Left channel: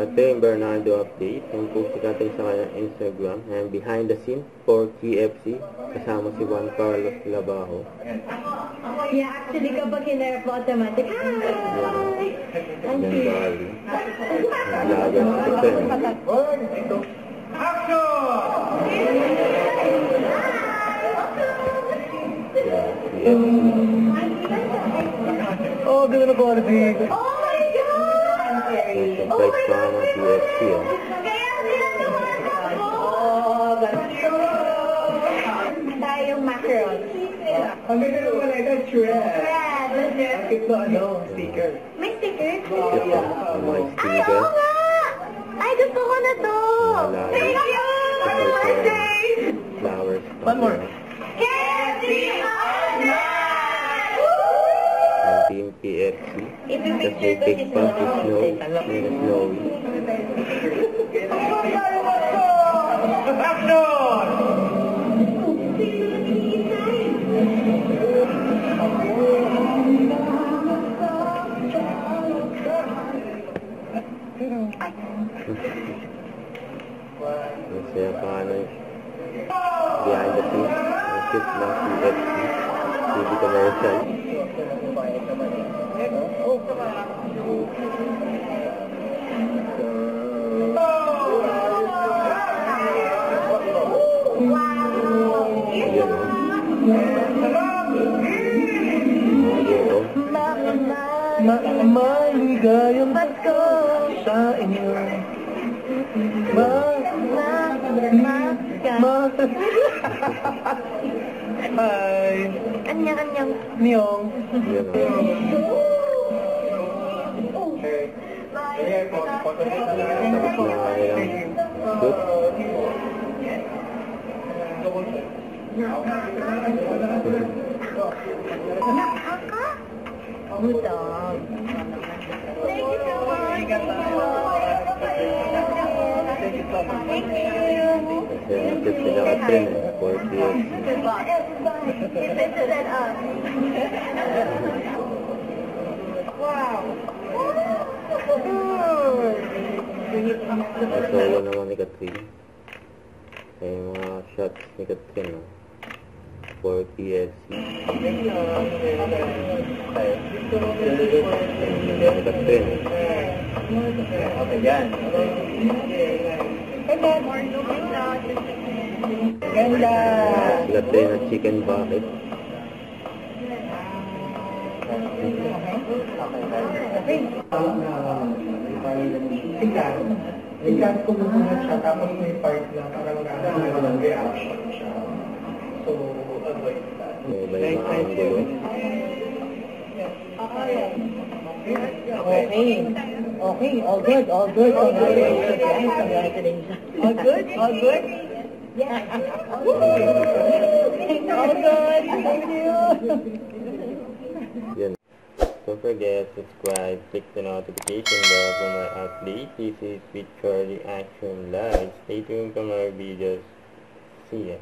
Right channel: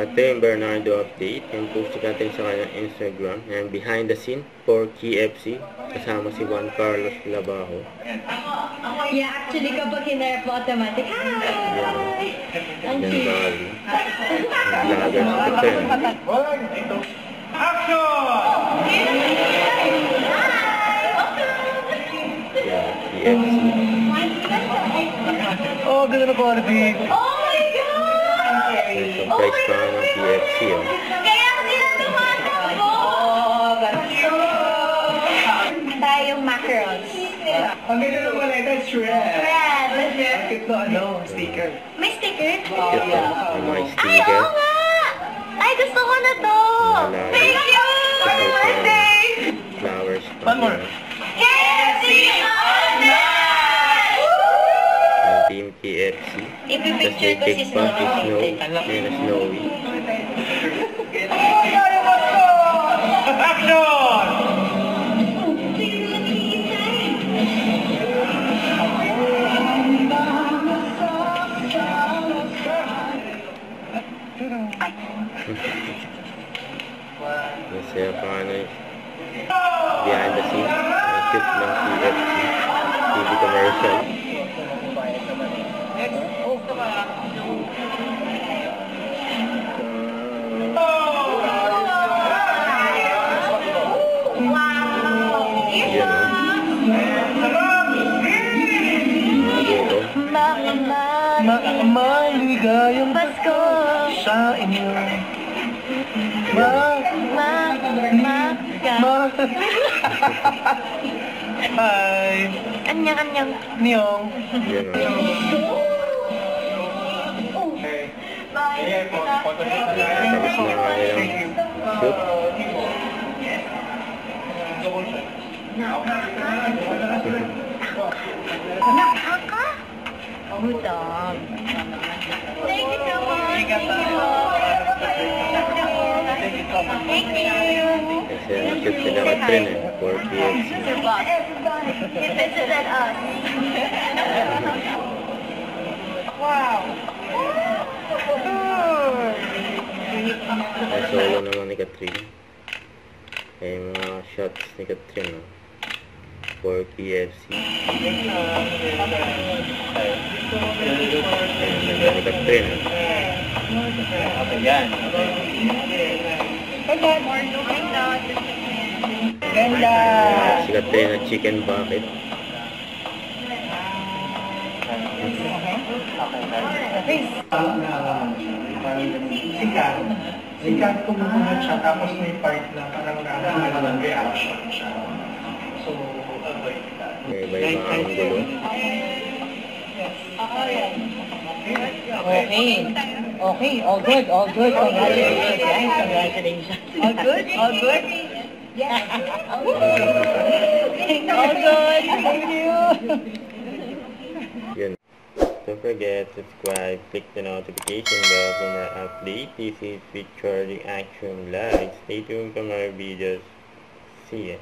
Ito yung Bernardo update. Yung post natin sa kanyang Instagram. Yan, behind the scene for KFC. Kasama si Juan Carlos Labajo. Yeah, actually kapag hinarap mo automatic, hi! Yan, Bali. Vloggers to friend. Yan, KFC. Oh, ganda na quality. Oh my God! May surprise pa nga ng KFC. Kaya sila tumatakbo! Tayong macarons. Ang ganda naman ito, shred. Red! Ito, sticker. May sticker? Cute na. May mga Ay, sticker. oo nga! Ay, gusto ko na to! Thank you! Happy birthday! Flowers. One more. KFC on Ang team KFC. Ipipicture ko si Snow. Snowy. Yan na Snowy. Action! Masaya pa nga na behind the scene. Ang cute ng KFC. TV commercial. Yan o. Maligayang Pasko! sa inyo. Hi. Anyang-anyang. Niyong. Yan o. Tapos na nga nilang shoot. Good dog. Thank you so much. Thank you. Kasi ang cute nila ka trend for KFC. Mr. Boss, you visited us. Wow. Ang solo naman ni Catherine. Kaya yung mga shots ni Catherine no? For KFC. Ayan naman ni Catherine. Ayan. Ganda. Si Catherine na chicken bucket. Sikat kumukunod siya, tapos may part na parang reaction siya. So, avoid that. May iba yung mga angulo. Okay, all good. Congratulations, guys. Congratulations. All good? Yes. All good. Thank you. Yun. Don't forget, subscribe, click the notification bell for more updates. This is Victory Action Live. Stay tuned for more videos. See ya.